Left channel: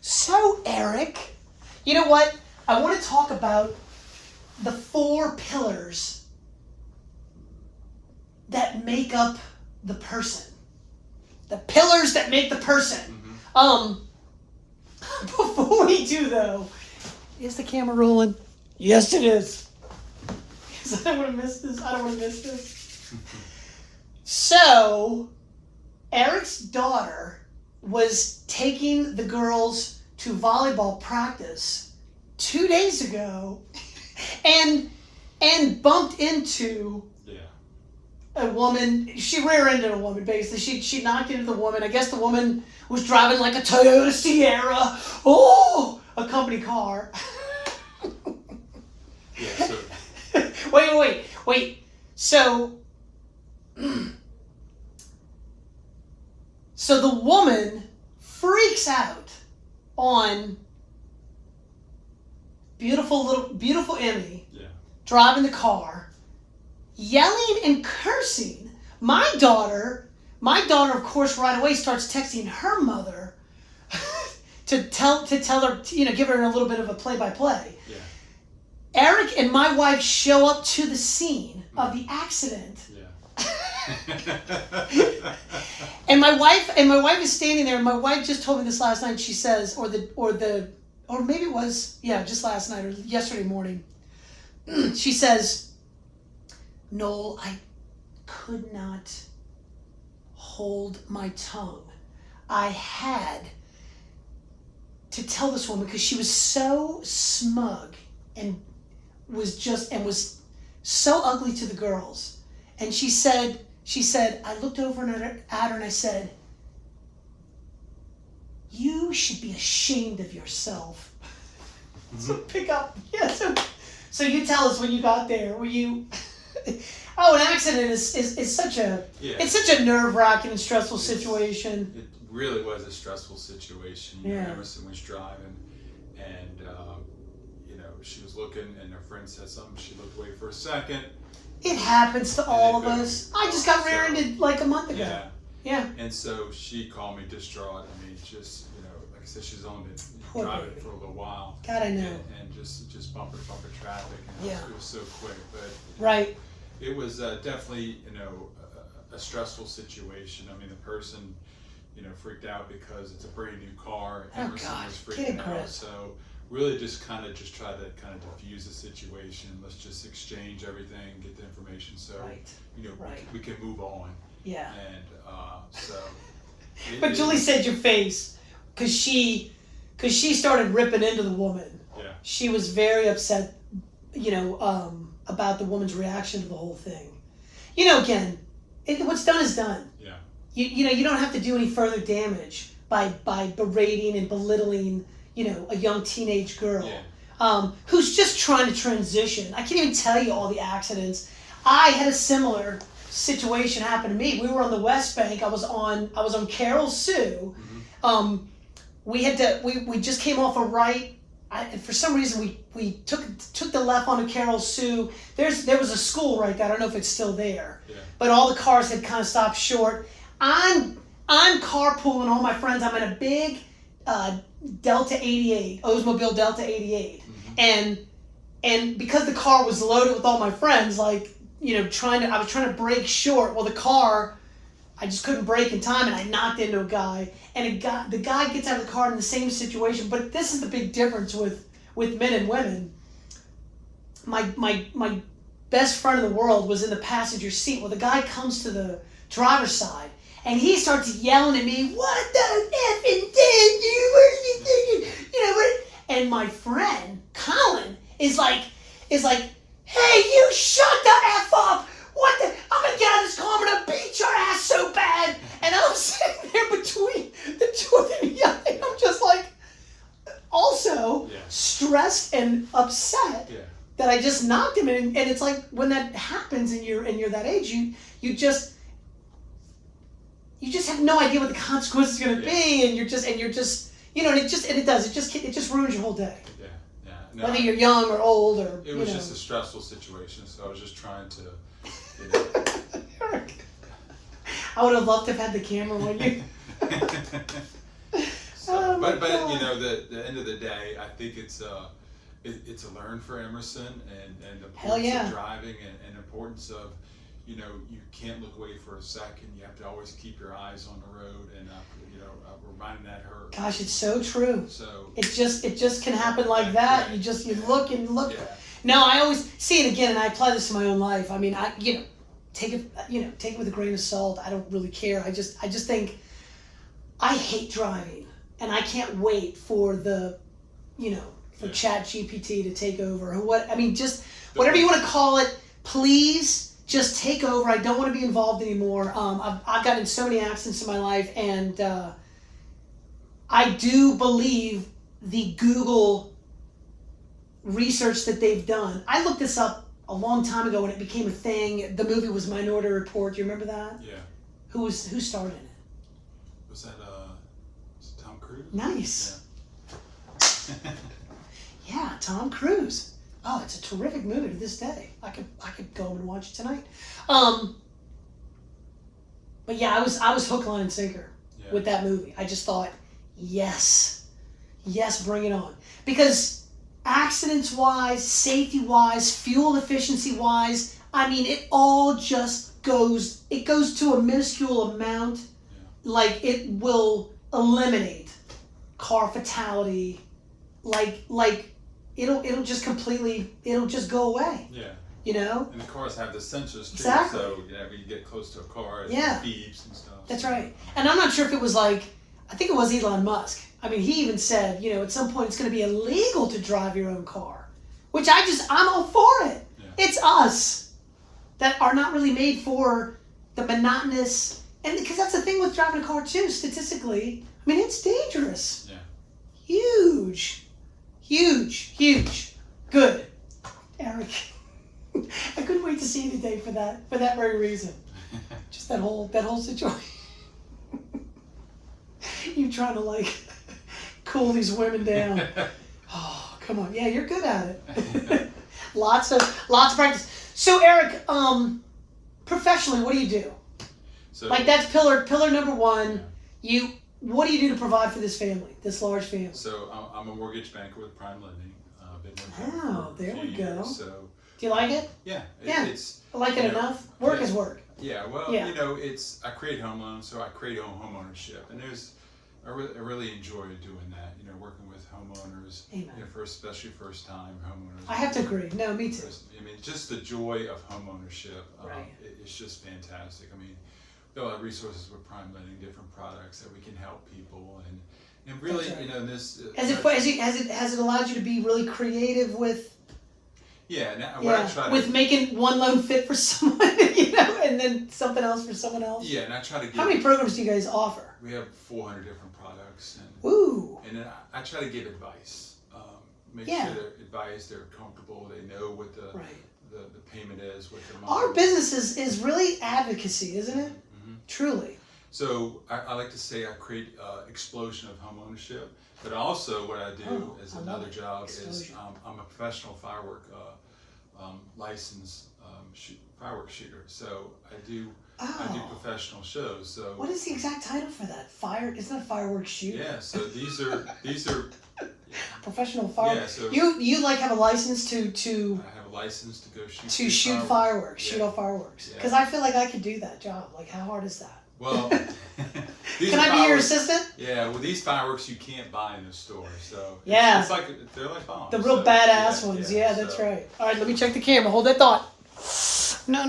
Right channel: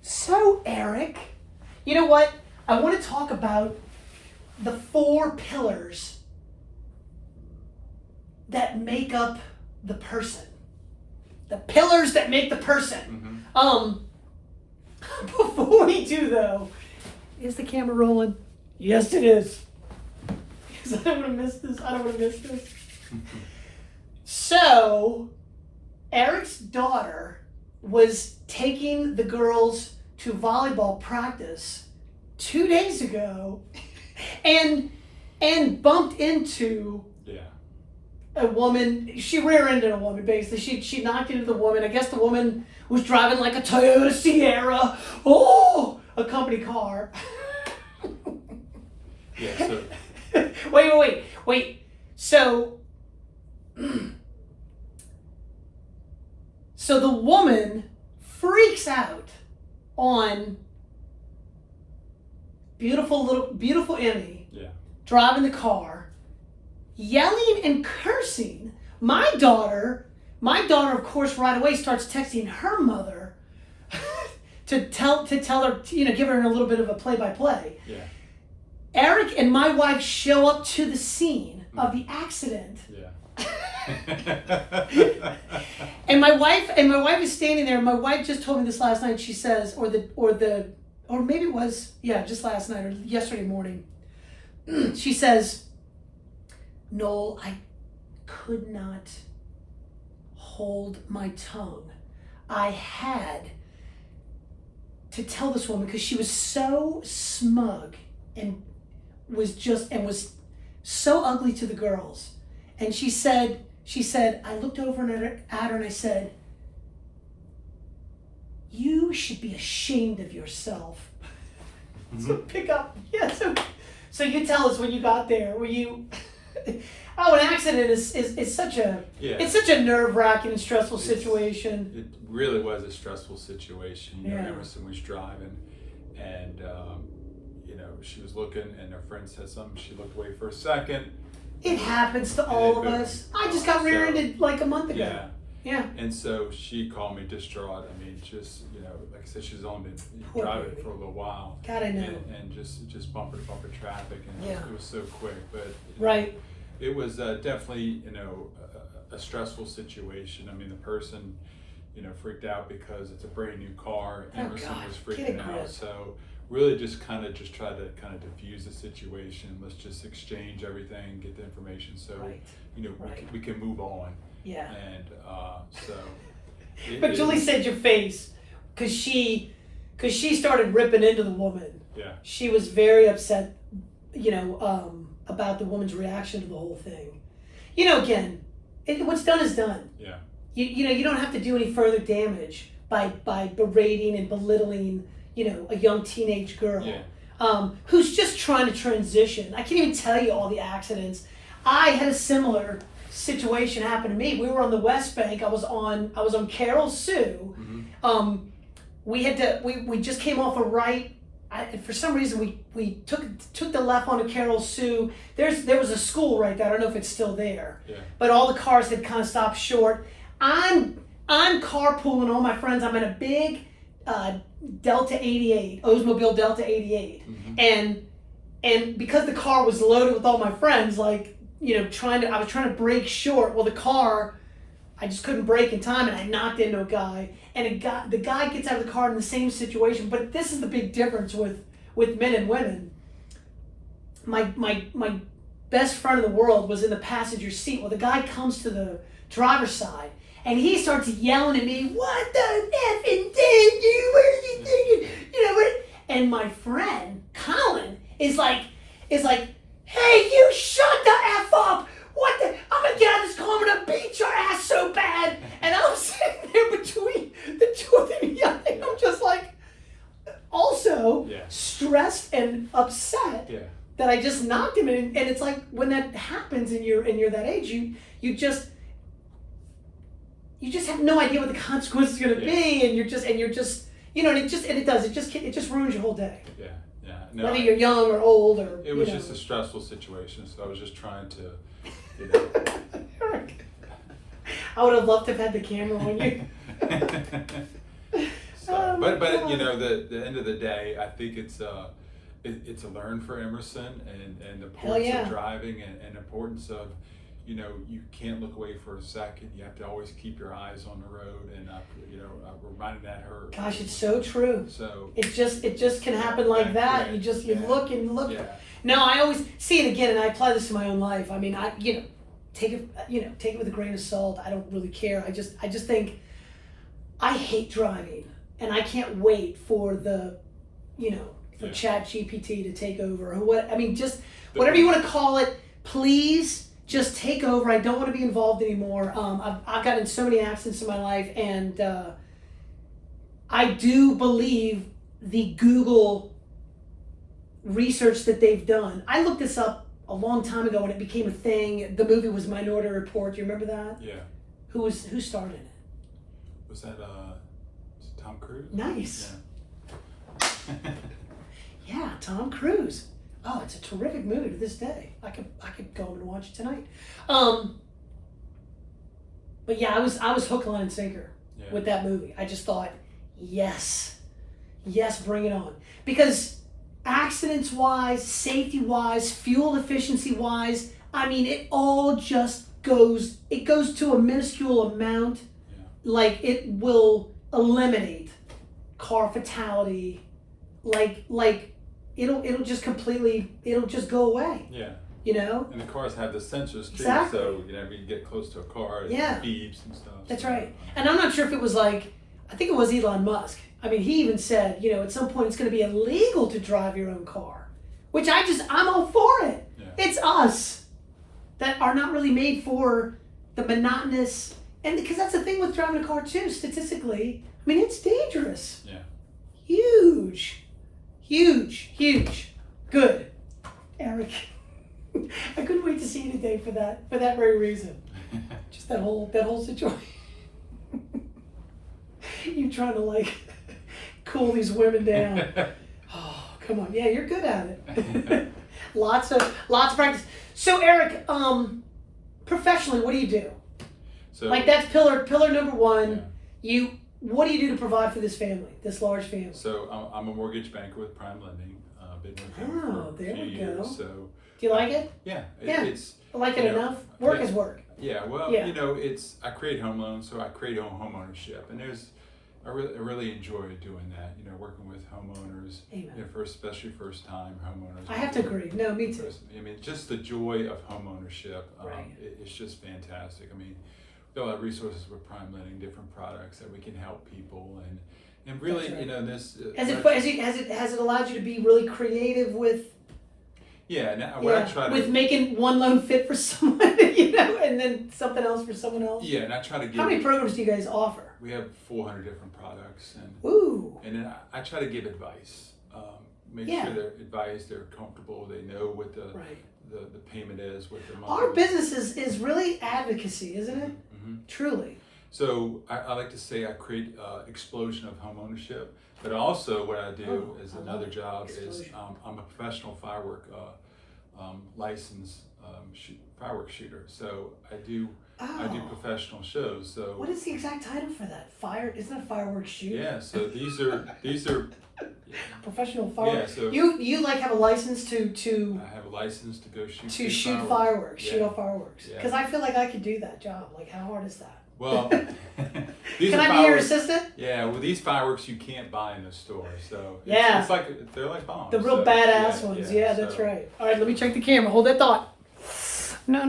So, Eric, you know what? I want to talk about the 4 pillars that make up the person. The pillars that make the person. Before we do, though, is the camera rolling? Yes, it is. Because I don't want to miss this. I don't want to miss this. So, Eric's daughter was taking the girls to volleyball practice 2 days ago and bumped into a woman. She rear-ended a woman, basically. She knocked into the woman. I guess the woman was driving like a Toyota Sierra. Oh, a company car. Yeah, so... Wait. So the woman freaks out on beautiful Emmy, driving the car, yelling and cursing. My daughter, of course, right away starts texting her mother to tell her, give her a little bit of a play-by-play. Yeah. Eric and my wife show up to the scene of the accident. Yeah. And my wife is standing there. And my wife just told me this last night. She says, or maybe it was, just last night or yesterday morning. She says, Noel, I could not hold my tongue. I had to tell this woman because she was so smug and was so ugly to the girls. And she said, I looked over at her and I said, you should be ashamed of yourself. So pick up. Yeah, so you tell us when you got there, were you... Oh, an accident is such a... Yeah. It's such a nerve-wracking and stressful situation. It really was a stressful situation. Emerson was driving and... she was looking and her friend said something. She looked away for a second. It happens to all of us. I just got rear-ended like a month ago. Yeah. And so she called me distraught. I mean, just, like I said, she's only been driving for a little while. God, I know. And just bumper to bumper traffic. And it was so quick. But right. It was definitely, a stressful situation. I mean, the person, freaked out because it's a brand new car. Emerson was freaking out. So really just try to diffuse the situation. Let's just exchange everything, get the information so we can move on. Yeah. And so but Julie said your face because she started ripping into the woman. Yeah. She was very upset, about the woman's reaction to the whole thing. Again, what's done is done. Yeah. You don't have to do any further damage by berating and belittling a young teenage girl who's just trying to transition. I can't even tell you all the accidents. I had a similar situation happen to me. We were on the West Bank. I was on Carol Sue. Mm-hmm. We just came off a right. For some reason we took the left onto Carol Sue. There was a school right there. I don't know if it's still there. Yeah. But all the cars had kind of stopped short. I'm carpooling all my friends. I'm in a big Delta 88, Oldsmobile Delta 88. Mm-hmm. And because the car was loaded with all my friends, I was trying to brake short. Well, the car, I just couldn't brake in time, and I knocked into a guy. And the guy gets out of the car in the same situation. But this is the big difference with men and women. My best friend in the world was in the passenger seat. Well, the guy comes to the driver's side, and he starts yelling at me, "What the effing did you? What are you thinking?" And my friend Colin is like, "Hey, you shut the F up! What the? I'm gonna get out of this car. I'm gonna beat your ass so bad." And I'm sitting there between the two of them yelling. I'm just like, also stressed and upset that I just knocked him. And it's like when that happens and you're that age, you just have no idea what the consequence is going to be, and you're just it just ruins your whole day. Yeah. No, whether you're young or old or it was just a stressful situation, so I was just trying to I would have loved to have had the camera on you. So, but you know, the end of the day, I think it's a learn for Emerson and the importance of driving and importance of, you know, you can't look away for a second. You have to always keep your eyes on the road, and you know, reminding that her. Gosh, it's so true. So it just can happen like that. Right. You look and look. Yeah. No, I always see it again, and I apply this to my own life. I mean, take it with a grain of salt. I don't really care. I just think I hate driving, and I can't wait for ChatGPT to take over or what. I mean, just whatever you want to call it. Please. Just take over. I don't want to be involved anymore. I've gotten in so many accidents in my life, and I do believe the Google research that they've done. I looked this up a long time ago when it became a thing. The movie was Minority Report. Do you remember that? Yeah. Who starred in it? Was that Tom Cruise? Nice. Yeah. Yeah, Tom Cruise. Oh, it's a terrific movie to this day. I could go home and watch it tonight. But yeah, I was hook, line, and sinker with that movie. I just thought, yes, bring it on. Because accidents wise, safety wise, fuel efficiency wise, I mean, it all just goes. It goes to a minuscule amount. Yeah. Like it will eliminate car fatality. Like. It'll just go away. Yeah. You know? And the cars have the sensors too, Exactly. so you know, if you get close to a car, it beeps and stuff. That's right. And I'm not sure if it was I think it was Elon Musk. I mean, he even said, you know, at some point it's going to be illegal to drive your own car, which I'm all for it. Yeah. It's us that are not really made for the monotonous, and because that's the thing with driving a car too, statistically, I mean, it's dangerous. Yeah. Huge. Good. Eric. I couldn't wait to see you today for that very reason. Just that whole situation. You trying to cool these women down. Oh, come on. Yeah, you're good at it. Lots of practice. So Eric, professionally, what do you do? So that's pillar number one. Yeah. What do you do to provide for this family, this large family? So I'm a mortgage banker with Prime Lending. Been with them for a few years. So do you like it? Yeah. It's I like it enough. Work is work. Yeah. Well, you know, I create home loans, so I create home ownership, and I really enjoy doing that. You know, working with homeowners. Amen. You know, especially first time homeowners. I have to agree. No, me too. I mean, just the joy of home ownership. Right. It's just fantastic. I mean, we've got a lot of resources with Prime Lending, different products that we can help people and really, right. You know, this has it allowed you to be really creative with I try to, with making one loan fit for someone, you know, and then something else for someone else. Yeah, and I try to give. How many programs do you guys offer? We have 400 different products, and then I try to give advice. Make sure they're advised, they're comfortable, they know what the payment is, what the monthly. Our business is really advocacy, isn't it? Mm-hmm. Truly. So I like to say I create explosion of home ownership, but also what I do is another job is I'm a professional firework licensed fireworks shooter. So I do professional shows. So what is the exact title for that? Isn't it a fireworks shooter? Yeah. So these are professional fireworks. Yeah. So you have a license to. I have a license to go shoot. To shoot fireworks. Yeah. Shoot off fireworks. Because I feel like I could do that job. Like, how hard is that? Well, can I be your assistant? Yeah, well, these fireworks you can't buy in the store, so it's they're like bombs. The real badass ones. Yeah, that's right. All right, let me check the camera. Hold that thought. No.